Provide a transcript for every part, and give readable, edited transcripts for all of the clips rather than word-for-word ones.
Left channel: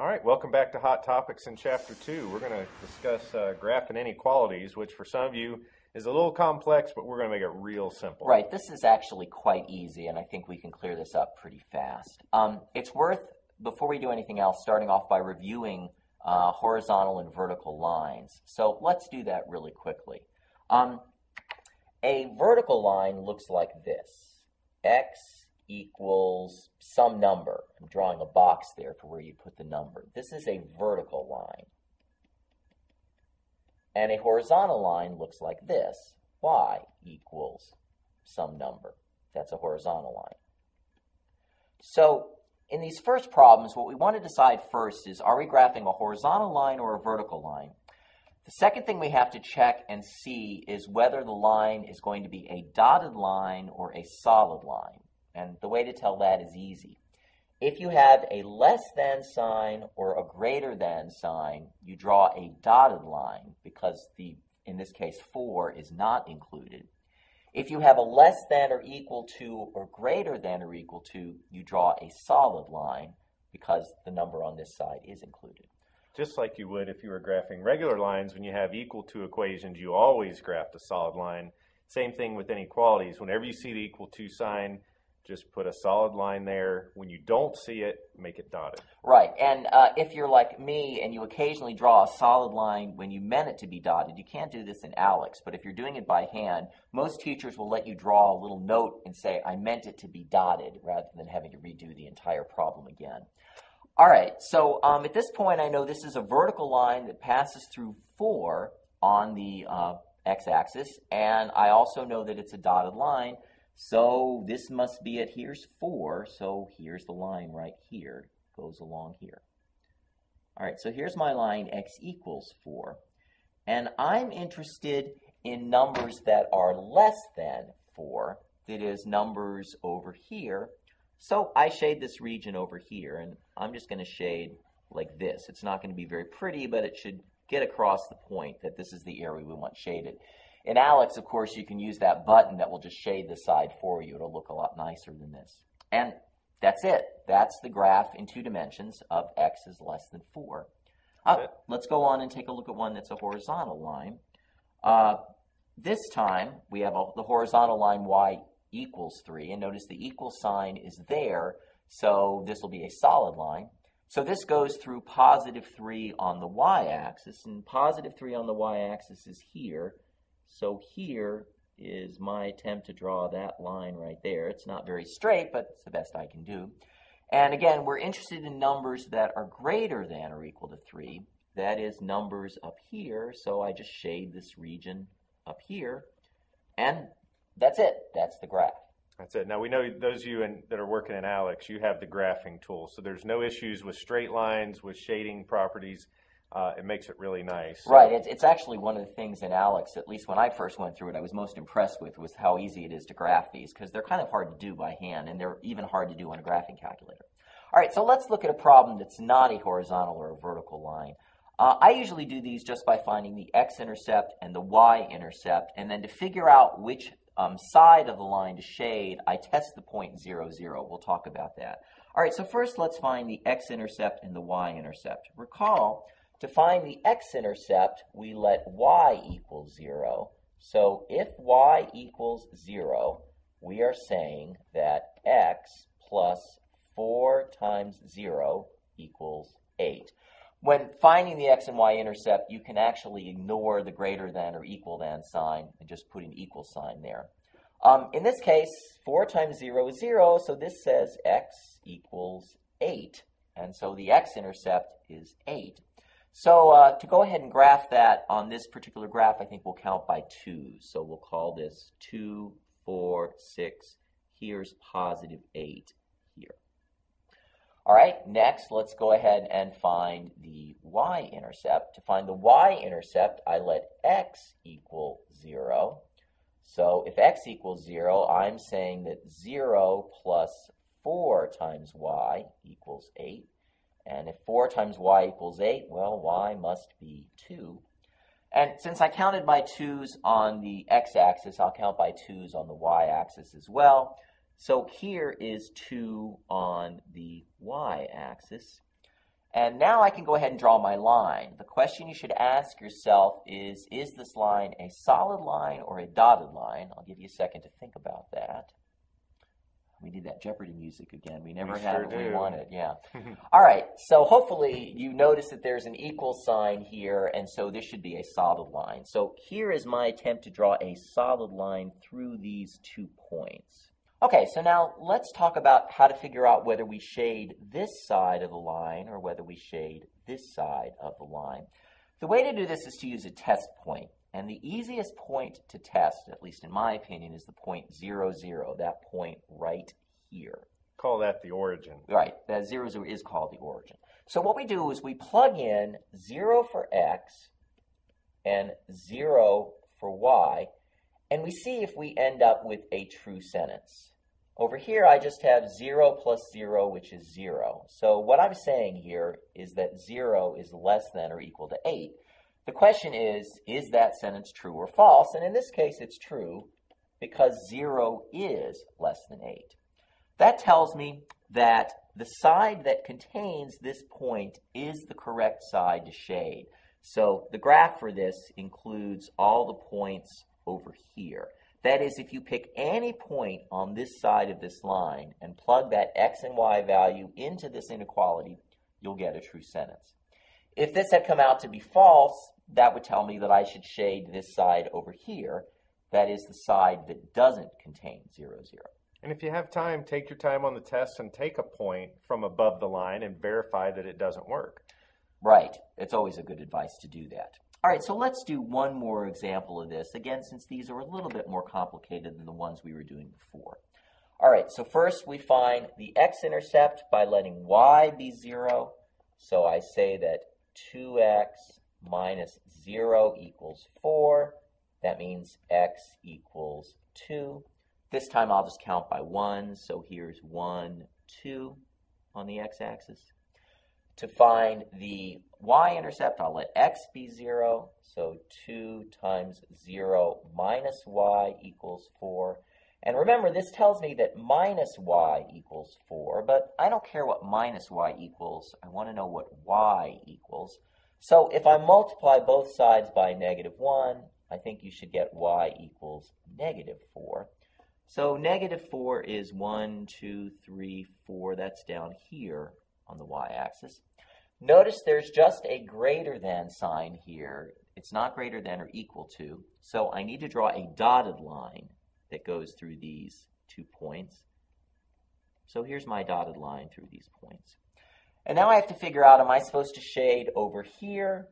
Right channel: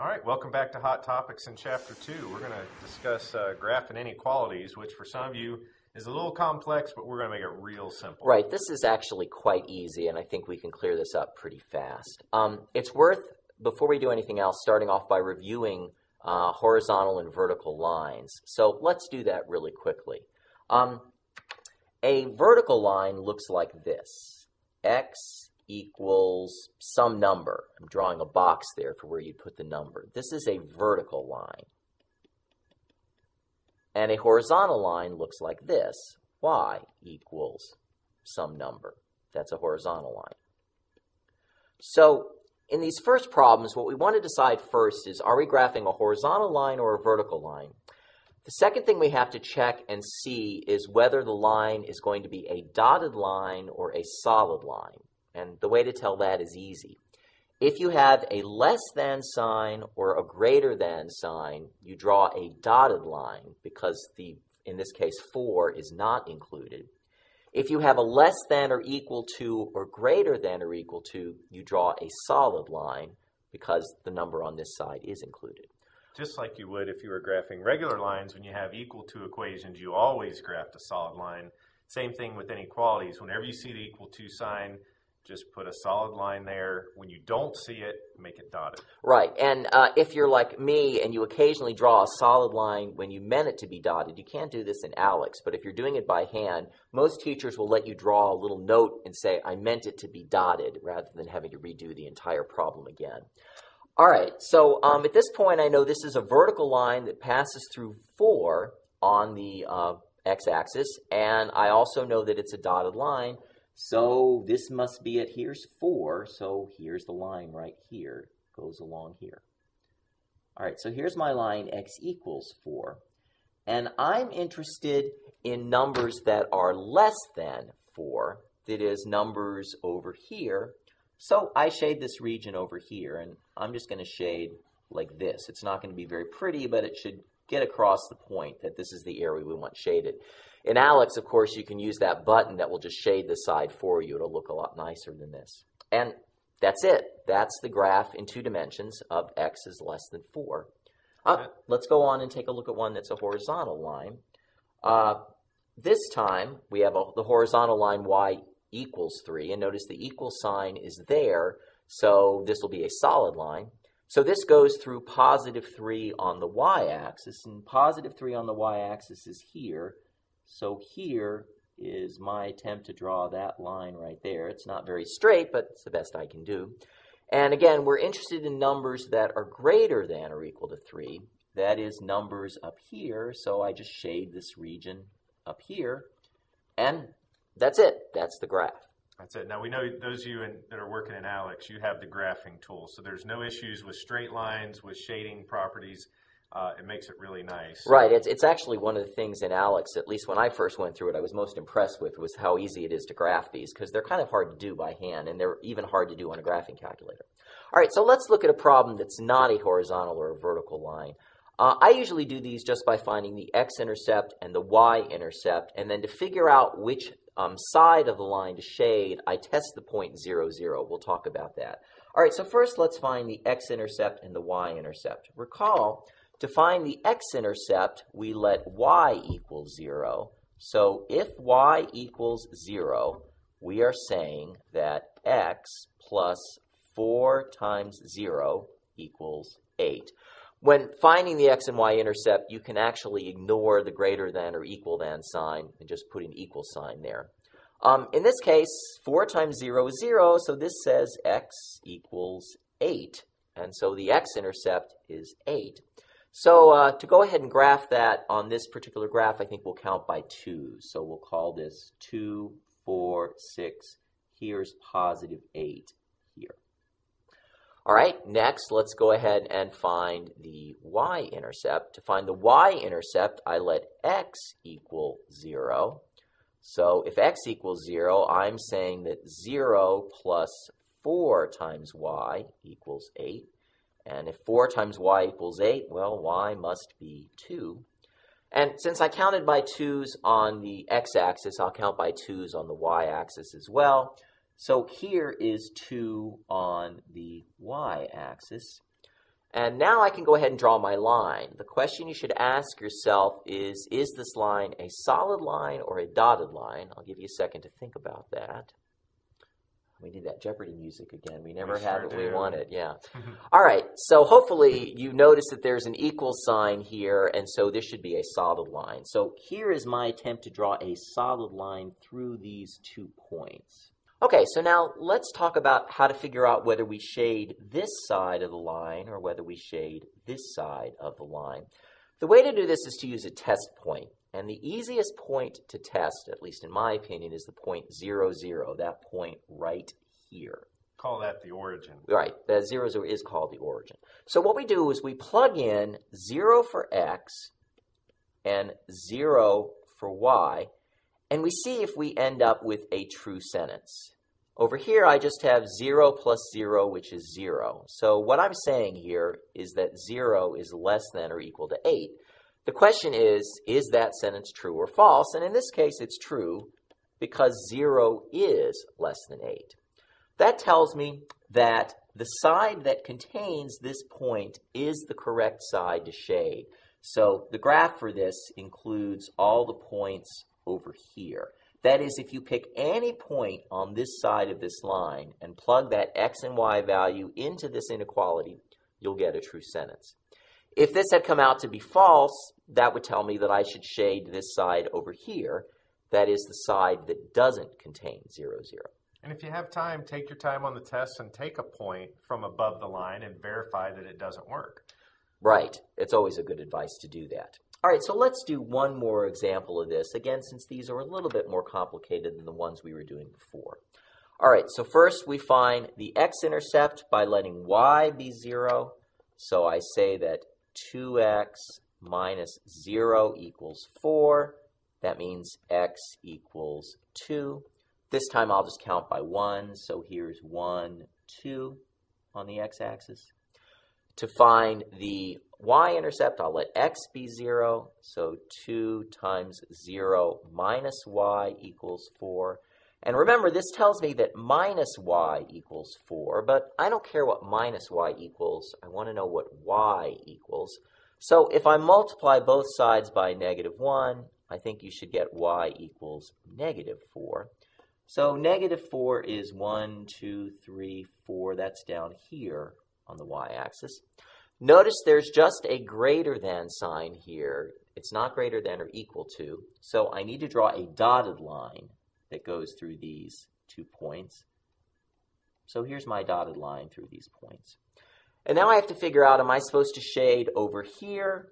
All right, welcome back to Hot Topics in Chapter 2. We're going to discuss graph and inequalities, which for some of you is a little complex, but we're going to make it real simple. Right, this is actually quite easy, and I think we can clear this up pretty fast. It's worth, before we do anything else, starting off by reviewing horizontal and vertical lines. So let's do that really quickly. A vertical line looks like this. X equals some number. I'm drawing a box there for where you put the number. This is a vertical line. And a horizontal line looks like this. Y equals some number. That's a horizontal line. So in these first problems, what we want to decide first is, are we graphing a horizontal line or a vertical line? The second thing we have to check and see is whether the line is going to be a dotted line or a solid line. And the way to tell that is easy. If you have a less than sign or a greater than sign, you draw a dotted line because in this case 4 is not included. If you have a less than or equal to or greater than or equal to, you draw a solid line because the number on this side is included. Just like you would if you were graphing regular lines, when you have equal to equations, you always graph a solid line. Same thing with inequalities. Whenever you see the equal to sign, just put a solid line there. When you don't see it, make it dotted. Right, and if you're like me and you occasionally draw a solid line when you meant it to be dotted, you can't do this in ALEKS, but if you're doing it by hand, most teachers will let you draw a little note and say, I meant it to be dotted, rather than having to redo the entire problem again. All right, so at this point, I know this is a vertical line that passes through 4 on the x-axis, and I also know that it's a dotted line. So this must be it. Here's 4, so here's the line right here. Goes along here. All right, so here's my line, x equals 4. And I'm interested in numbers that are less than 4, that is, numbers over here. So I shade this region over here, and I'm just going to shade like this. It's not going to be very pretty, but it should get across the point that this is the area we want shaded. In ALEKS, of course, you can use that button that will just shade the side for you. It'll look a lot nicer than this. And that's it. That's the graph in 2 dimensions of x is less than 4. Let's go on and take a look at one that's a horizontal line. This time, we have the horizontal line y equals 3. And notice the equal sign is there, so this will be a solid line. So this goes through positive 3 on the y-axis, and positive 3 on the y-axis is here. So here is my attempt to draw that line right there. It's not very straight, but it's the best I can do. And again, we're interested in numbers that are greater than or equal to 3. That is numbers up here, so I just shade this region up here. And that's it. That's the graph. That's it. Now, we know those of you that are working in ALEKS, you have the graphing tool. So there's no issues with straight lines, with shading properties. It makes it really nice. Right. It's actually one of the things in ALEKS, at least when I first went through it, I was most impressed with was how easy it is to graph these, because they're kind of hard to do by hand, and they're even hard to do on a graphing calculator. All right, so let's look at a problem that's not a horizontal or a vertical line. I usually do these just by finding the x-intercept and the y-intercept, and then to figure out which side of the line to shade, I test the point 0, 0. We'll talk about that. All right, so first let's find the x-intercept and the y-intercept. Recall, to find the x-intercept, we let y equal 0. So if y equals 0, we are saying that x plus 4 times 0 equals 8. When finding the x and y-intercept, you can actually ignore the greater than or equal than sign and just put an equal sign there. In this case, 4 times 0 is 0, so this says x equals 8. And so the x-intercept is 8. So to go ahead and graph that on this particular graph, I think we'll count by 2s. So we'll call this 2, 4, 6. Here's positive 8 here. All right, next, let's go ahead and find the y-intercept. To find the y-intercept, I let x equal 0. So if x equals 0, I'm saying that 0 plus 4 times y equals 8. And if 4 times y equals 8, well, y must be 2. And since I counted by 2's on the x-axis, I'll count by 2's on the y-axis as well. So here is 2 on the y-axis. And now I can go ahead and draw my line. The question you should ask yourself is this line a solid line or a dotted line? I'll give you a second to think about that. We need that Jeopardy music again. We never have it when we want it. Yeah. All right. So hopefully you notice that there's an equal sign here, and so this should be a solid line. So here is my attempt to draw a solid line through these 2 points. Okay, so now let's talk about how to figure out whether we shade this side of the line or whether we shade this side of the line. The way to do this is to use a test point. And the easiest point to test, at least in my opinion, is the point 0, 0, that point right here. Call that the origin. Right, that 0, 0 is called the origin. So what we do is we plug in 0 for x and 0 for y, and we see if we end up with a true sentence. Over here, I just have 0 plus 0, which is 0. So what I'm saying here is that 0 is less than or equal to 8. The question is that sentence true or false? And in this case, it's true because 0 is less than 8. That tells me that the side that contains this point is the correct side to shade. So the graph for this includes all the points over here. That is, if you pick any point on this side of this line and plug that x and y value into this inequality, you'll get a true sentence. If this had come out to be false, that would tell me that I should shade this side over here. That is the side that doesn't contain 0, 0. And if you have time, take your time on the test and take a point from above the line and verify that it doesn't work. Right. It's always a good advice to do that. All right, so let's do one more example of this, again, since these are a little bit more complicated than the ones we were doing before. All right, so first we find the x-intercept by letting y be 0. So I say that 2x minus 0 equals 4. That means x equals 2. This time I'll just count by 1. So here's 1, 2 on the x-axis. To find the y-intercept, I'll let x be 0. So 2 times 0 minus y equals 4. And remember, this tells me that minus y equals 4, but I don't care what minus y equals. I want to know what y equals. So if I multiply both sides by -1, I think you should get y equals -4. So -4 is 1, 2, 3, 4. That's down here on the y-axis. Notice there's just a greater than sign here. It's not greater than or equal to. So I need to draw a dotted line that goes through these 2 points. So here's my dotted line through these points. And now I have to figure out, am I supposed to shade over here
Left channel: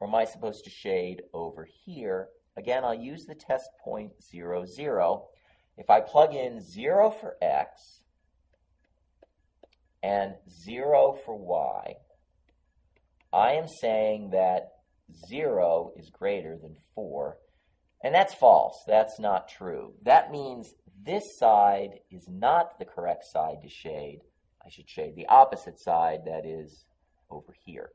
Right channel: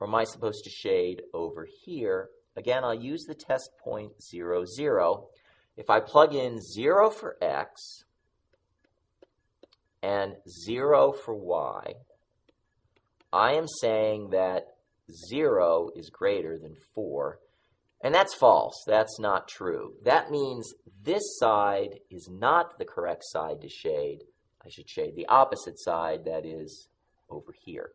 or am I supposed to shade over here? Again, I'll use the test point 0, 0. If I plug in 0 for x and 0 for y, I am saying that 0 is greater than 4. And that's false. That's not true. That means this side is not the correct side to shade. I should shade the opposite side, that is over here.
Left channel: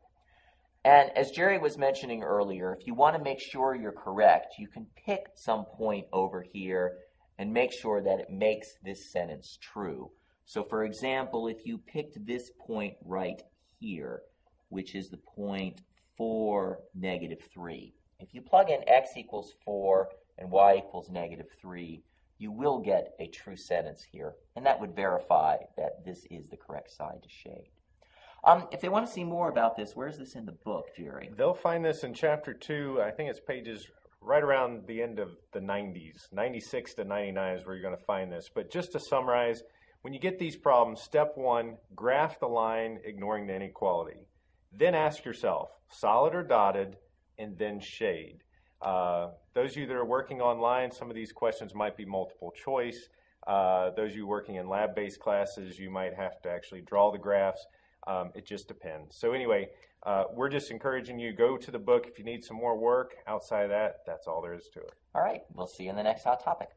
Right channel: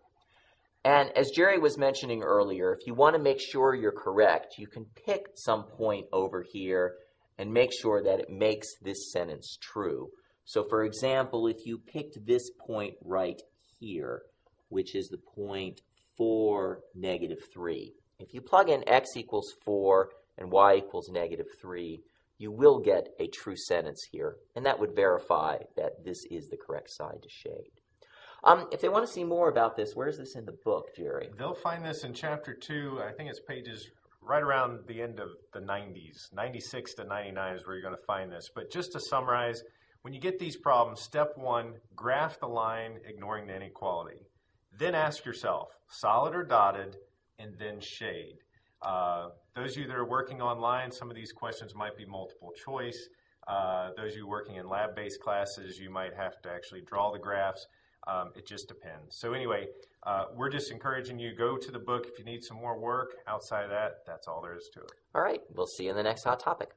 And as Jerry was mentioning earlier, if you want to make sure you're correct, you can pick some point over here and make sure that it makes this sentence true. So for example, if you picked this point right here, which is the point 4, -3. If you plug in x equals 4 and y equals -3, you will get a true sentence here, and that would verify that this is the correct side to shade. If they want to see more about this, where's this in the book, Jerry? They'll find this in Chapter 2. I think it's pages right around the end of the 90s. 96 to 99 is where you're going to find this. But just to summarize, when you get these problems, step 1, graph the line ignoring the inequality. Then ask yourself, solid or dotted, and then shade. Those of you that are working online, some of these questions might be multiple choice. Those of you working in lab-based classes, you might have to actually draw the graphs. It just depends. So anyway, we're just encouraging you, go to the book if you need some more work. Outside of that, that's all there is to it. All right, we'll see you in the next hot topic.